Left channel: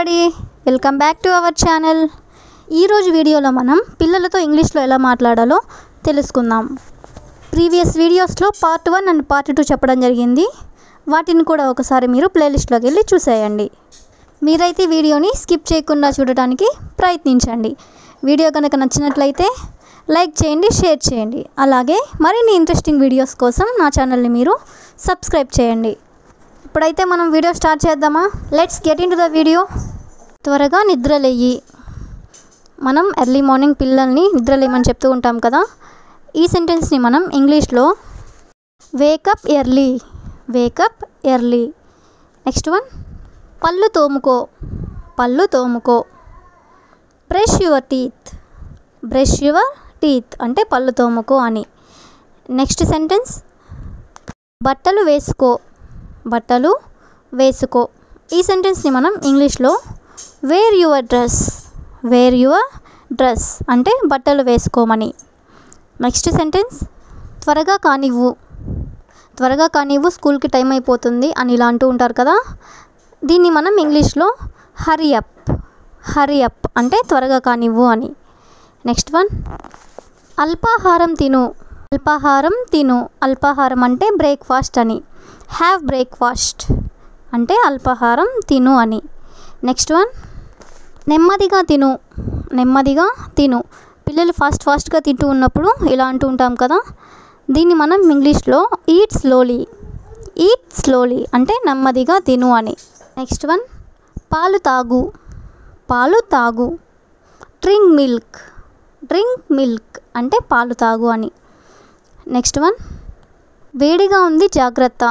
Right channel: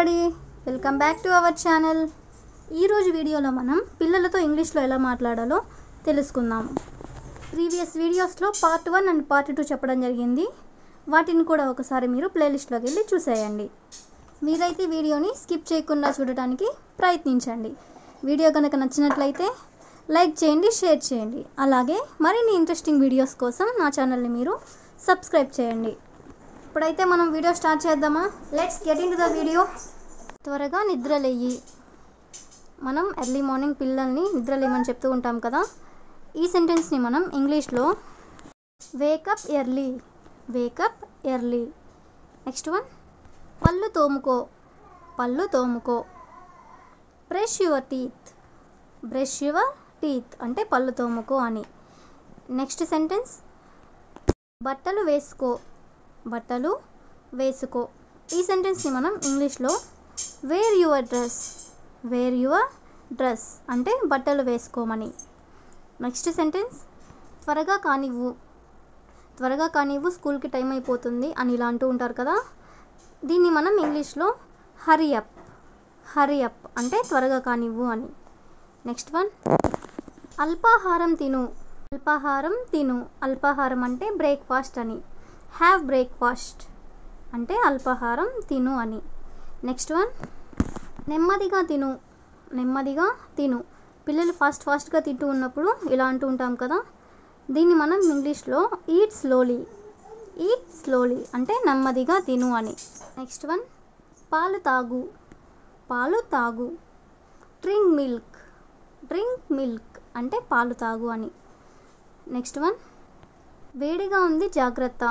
Everybody, welcome back to our channel. ఈరోజు వీడియోలో మనం పిల్లలతో ఇంగ్లీష్లో ఎలా మాట్లాడాలో తెలుసుకుందాం. ప్రీవియస్ వీడియోస్లో పార్ట్ 1 అండ్ పార్ట్ 2 చెప్పడం జరిగింది. వాటిని కూడా ఒకసారి మీరు ప్లేలిస్ట్లోకి వెళ్ళి చూసేయండి. మీరైతే వీడియోని స్కిప్ చేయకుండా చూడటానికి ప్రయత్నించండి. వీడియో కనుక నచ్చినట్లయితే లైక్ చేయండి, షేర్ చేయండి. అలాగే మరిన్ని ఇంట్రెస్టింగ్ వీడియోస్ కోసం నా ఛానల్ని మీరు సబ్స్క్రైబ్ చేయండి. ఇప్పుడైతే మనం వీడియో స్టార్ట్ చేద్దామా? Let's get in to the video. త్వరగా నిద్రలేయి. మనం ఎర్లీ మార్నింగ్ పిల్లల్ని నిద్రలేయమని చెప్తూ ఉంటాం కదా. ఈ సెంటెన్స్ని మనం ఇంగ్లీష్లో wake up early, wake up early. Next one, పళ్ళు తోముకో, పళ్ళు తోముకో. Brush your teeth, brush your teeth అంటే పళ్ళు తోముకో అని. నెక్స్ట్ సెంటెన్స్, బట్టలు వేసుకో, బట్టలు వేసుకో. ఈ సెంటెన్స్ని మనం ఇంగ్లీష్లో wear your dress, wear your dress అంటే బట్టలు వేసుకోమని. నెక్స్ట్ సెంటెన్స్, త్వరగా కానివ్వు, త్వరగా కానివ్వు, స్కూల్కి టైం అయిపోతుంది అని ఇలా అంటూ ఉంటారు కదా. దీన్ని మనం ఇంగ్లీష్లో హరీ అప్, హరీ అప్ అంటే త్వరగా కానివ్వు అని. నెక్స్ట్ వన్, అల్పాహారం తిను, అల్పాహారం తిను. అల్పాహారం అంటే బ్రేక్ఫాస్ట్ అని. హ్యావ్ బ్రేక్ఫాస్ట్ అంటే అల్పాహారం తిను అని. నెక్స్ట్ వన్, నెమ్మదిగా తిను, నెమ్మదిగా తిను. పిల్లలు ఫాస్ట్గా తింటూ ఉన్నప్పుడు ఇలా అంటూ ఉంటాం కదా. దీన్ని మనం ఇంగ్లీష్లో ఈట్ స్లోలీ, ఈట్ స్లోలీ అంటే నెమ్మదిగా తిను అని. నెక్స్ట్ వన్, పాలు తాగు, పాలు తాగు. డ్రింక్ మిల్క్, డ్రింక్ మిల్క్ అంటే పాలు తాగు అని. నెక్స్ట్ వన్, వేడిగా ఉంది జాగ్రత్త,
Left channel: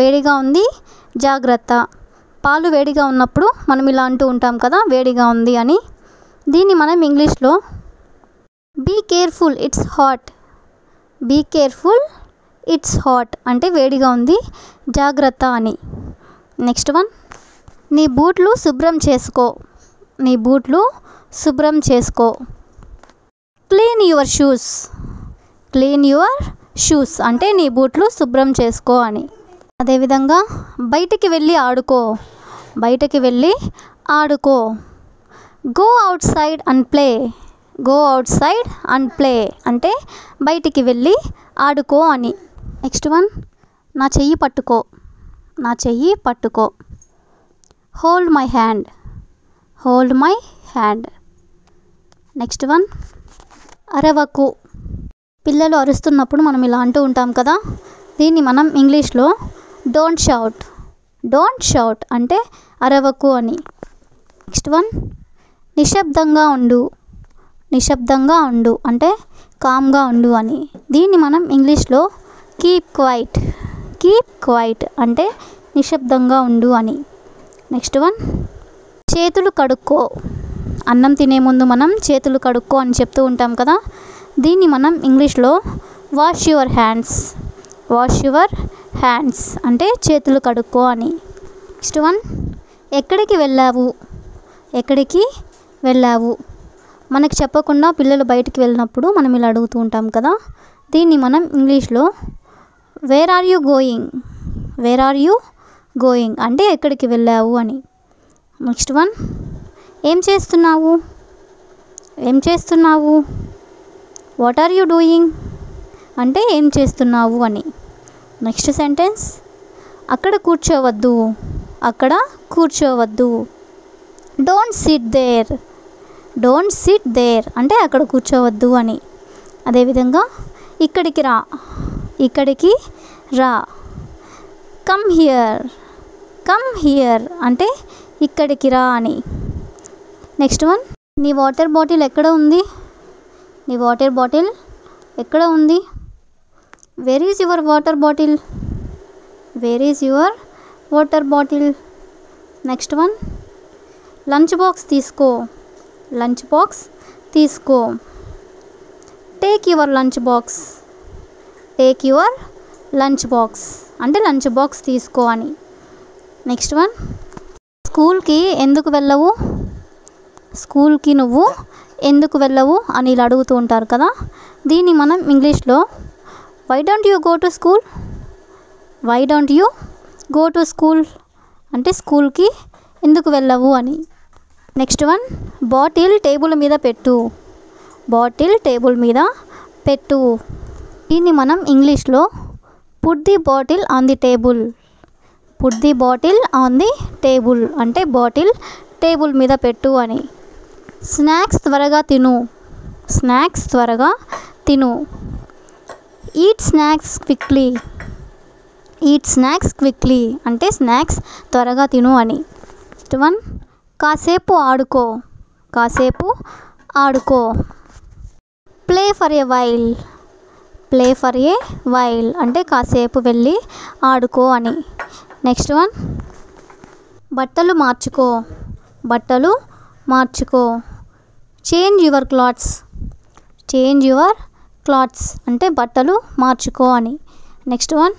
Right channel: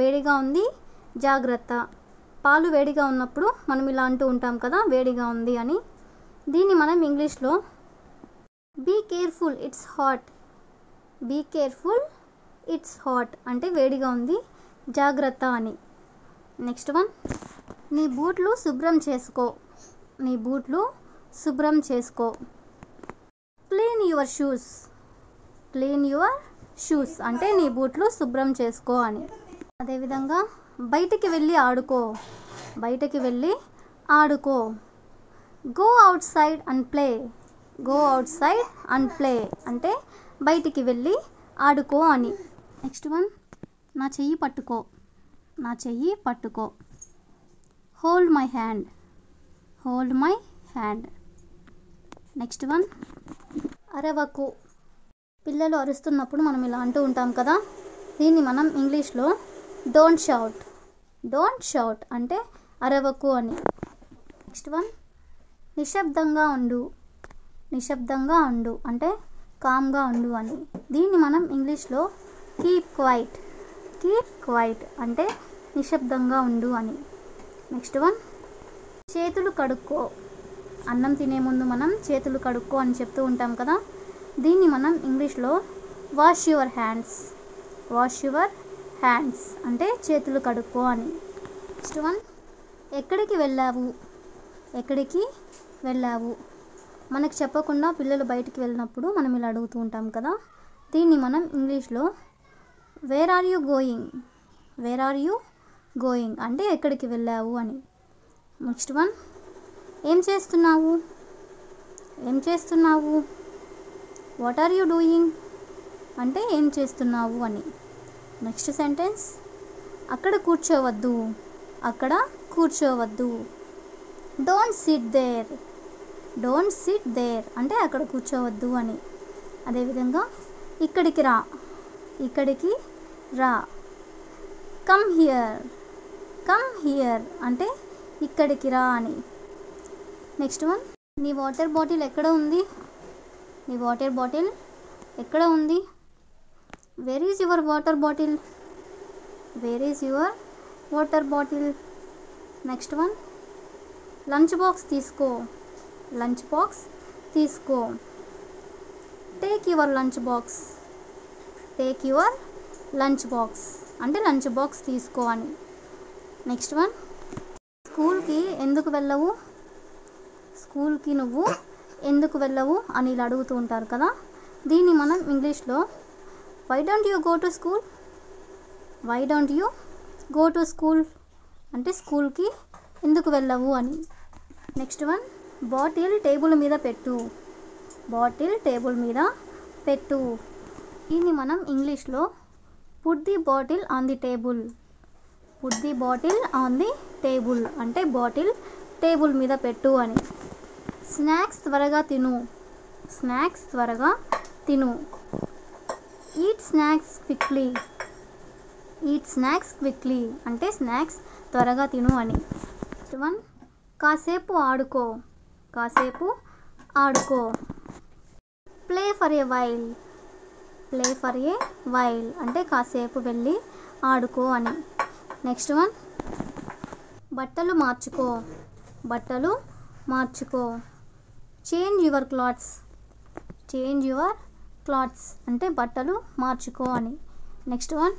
వేడిగా ఉంది జాగ్రత్త. పాలు వేడిగా ఉన్నప్పుడు మనం ఇలా అంటూ ఉంటాం కదా, వేడిగా ఉంది అని. దీన్ని మనం ఇంగ్లీష్లో be careful it's hot, be careful it's hot అంటే వేడిగా ఉంది జాగ్రత్త అని. నెక్స్ట్ వన్, నీ బూట్లు శుభ్రం చేసుకో, నీ బూట్లు శుభ్రం చేసుకో. Clean your shoes, clean your shoes అంటే నీ బూట్లు శుభ్రం చేసుకో అని. అదేవిధంగా బయటికి వెళ్ళి ఆడుకో, బయటికి వెళ్ళి ఆడుకో. Go out side and play, go out side and play అంటే బయటికి వెళ్ళి ఆడుకో అని. నెక్స్ట్ వన్, నా చెయ్యి పట్టుకో, నా చెయ్యి పట్టుకో. Hold my hand, hold my hand. Next one, అరవకు. పిల్లలు అరుస్తున్నప్పుడు మనం ఇలా అంటూ ఉంటాం కదా. దీన్ని మనం ఇంగ్లీష్లో డోంట్ షౌట్, డోంట్ షౌట్ అంటే అరవకు అని. నెక్స్ట్ వన్, నిశ్శబ్దంగా ఉండు, నిశ్శబ్దంగా ఉండు అంటే కామ్గా ఉండు అని. దీన్ని మనం ఇంగ్లీష్లో కీప్ క్వైట్, కీప్ క్వైట్ అంటే నిశ్శబ్దంగా ఉండు అని. నెక్స్ట్ వన్, చేతులు కడుక్కో. అన్నం తినే ముందు మనం చేతులు కడుక్కో అని చెప్తూ ఉంటాం కదా. దీన్ని మనం ఇంగ్లీష్లో wash your hands, wash your hands అంటే చేతులు కడుక్కో అని. నెక్స్ట్ వన్, ఎక్కడికి వెళ్ళావు, ఎక్కడికి వెళ్ళావు. మనకు చెప్పకుండా పిల్లలు బయటికి వెళ్ళినప్పుడు మనం ఇలా అడుగుతూ ఉంటాం కదా. దీన్ని మనం ఇంగ్లీష్లో where are you going, where are you going అంటే ఎక్కడికి వెళ్ళావు అని. నెక్స్ట్ వన్, ఏం చేస్తున్నావు, ఏం చేస్తున్నావు. వాట్ ఆర్ యూ డూయింగ్ అంటే ఏం చేస్తున్నావు అని. నెక్స్ట్ సెంటెన్స్, అక్కడ కూర్చోవద్దు, అక్కడ కూర్చోవద్దు. Don't sit there, don't sit there అంటే అక్కడ కూర్చోవద్దు అని. అదేవిధంగా ఇక్కడికి రా, ఇక్కడికి రా. కమ్ హియర్, కమ్ హియర్ అంటే ఇక్కడికి రా అని. నెక్స్ట్ వన్, నీ వాటర్ బాటిల్ ఎక్కడ ఉంది, నీ వాటర్ బాటిల్ ఎక్కడ ఉంది. Where is your water bottle, where is your water bottle. Next one, lunch box తీసుకో, లంచ్ బాక్స్ తీసుకో. Take your lunch box, take your lunch box అంటే లంచ్ బాక్స్ తీసుకో అని. నెక్స్ట్ వన్, స్కూల్కి ఎందుకు వెళ్ళవు, స్కూల్కి నువ్వు ఎందుకు వెళ్ళవు అని ఇలా అడుగుతూ ఉంటారు కదా. దీన్ని మనం ఇంగ్లీష్లో why don't you go to school, why don't you go to school అంటే స్కూల్కి ఎందుకు వెళ్ళవు అని. నెక్స్ట్ వన్, బాటిల్ టేబుల్ మీద పెట్టు. బాటిల్ టేబుల్ మీద పెట్టు. దీన్ని మనం ఇంగ్లీష్లో put the bottle on the table. Put the bottle on the table అంటే బాటిల్ టేబుల్ మీద పెట్టు అని. స్నాక్స్ త్వరగా తిను. స్నాక్స్ త్వరగా తిను. Eat snacks quickly. Eat snacks quickly అంటే స్నాక్స్ త్వరగా తిను అని. నెక్స్ట్ వన్, కాసేపు ఆడుకో. కాసేపు ఆడుకో. Play for a while. Play for a while అంటే కాసేపు వెళ్ళి ఆడుకో అని. నెక్స్ట్ వన్, బట్టలు మార్చుకో. బట్టలు మార్చుకో. Change your clothes. Change your clothes అంటే బట్టలు మార్చుకో అని. నెక్స్ట్ వన్,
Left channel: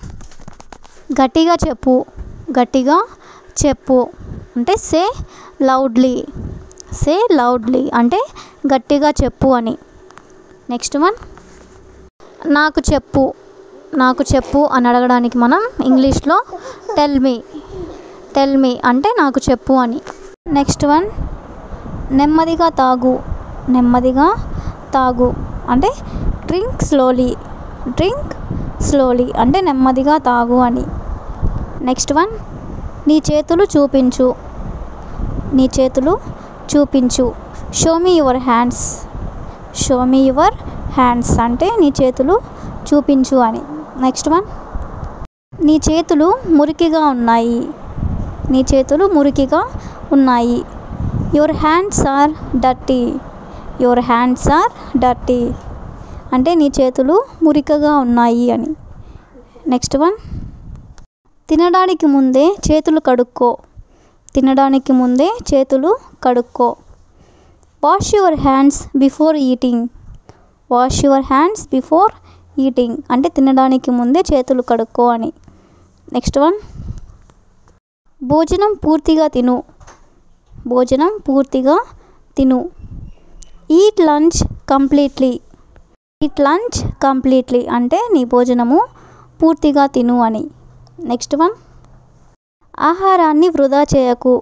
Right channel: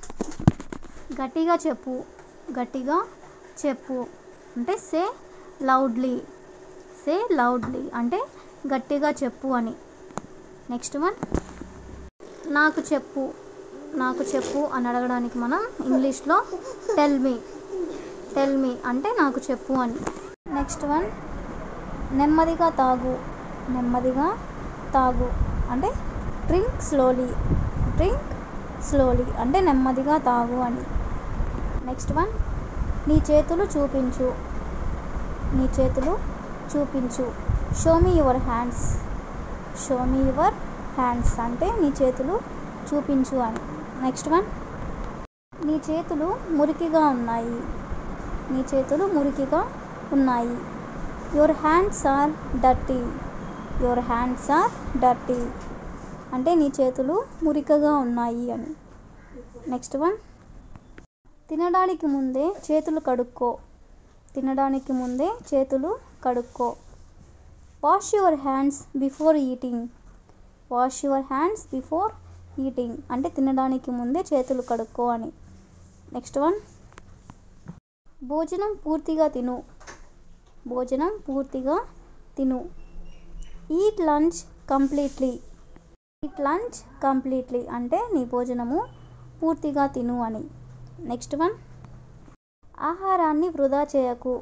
గట్టిగా చెప్పు. గట్టిగా చెప్పు అంటే సే లౌడ్లీ. సే లౌడ్లీ అంటే గట్టిగా చెప్పు అని. నెక్స్ట్ వన్, నాకు చెప్పు. నాకు చెప్పు అని అడగడానికి మనం ఇంగ్లీష్లో టెల్ మీ. టెల్ మీ అంటే నాకు చెప్పు అని. నెక్స్ట్ వన్, నెమ్మదిగా తాగు. నెమ్మదిగా తాగు అంటే డ్రింక్ స్లోలీ. డ్రింక్ స్లోలీ అంటే నెమ్మదిగా తాగు అని. నెక్స్ట్ వన్, నీ చేతులు చూపించు. నీ చేతులు చూపించు. Show me your hands. Show me your hands అంటే నీ చేతులు చూపించు అని. నెక్స్ట్ వన్, నీ చేతులు మురికిగా ఉన్నాయి. నీ చేతులు మురికిగా ఉన్నాయి. Your hands are dirty. Your hands are dirty అంటే నీ చేతులు మురికగా ఉన్నాయి అని. నెక్స్ట్ వన్, తినడానికి ముందే చేతులు కడుక్కో. తినడానికి ముందే చేతులు కడుక్కో. Wash your hands before eating. Wash your hands before eating అంటే తినడానికి ముందే చేతులు కడుక్కో అని. నెక్స్ట్ వన్, భోజనం పూర్తిగా తిను. భోజనం పూర్తిగా తిను. Eat lunch completely. Eat lunch completely అంటే నీ భోజనము పూర్తిగా తిను అని. నెక్స్ట్ వన్, ఆహారాన్ని వృధా చేయకు.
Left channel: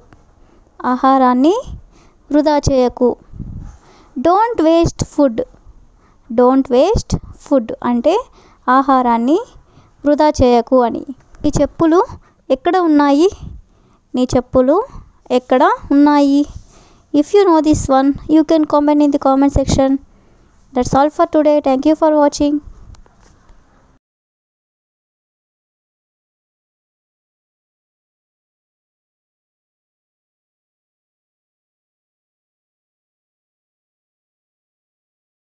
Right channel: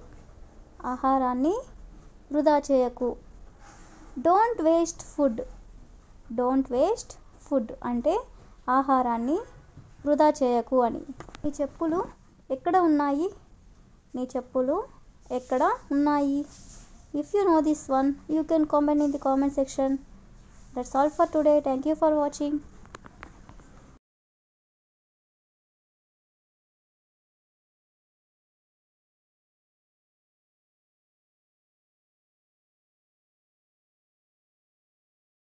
ఆహారాన్ని వృధా చేయకు. Don't waste food. Don't waste food అంటే ఆహారాన్ని వృధా చేయకు అని. నీ చెప్పులు ఎక్కడ ఉన్నాయి. నీ చెప్పులు ఎక్కడ ఉన్నాయి. If you know this one, you can comment in the comment section. That's all for today. Thank you for watching.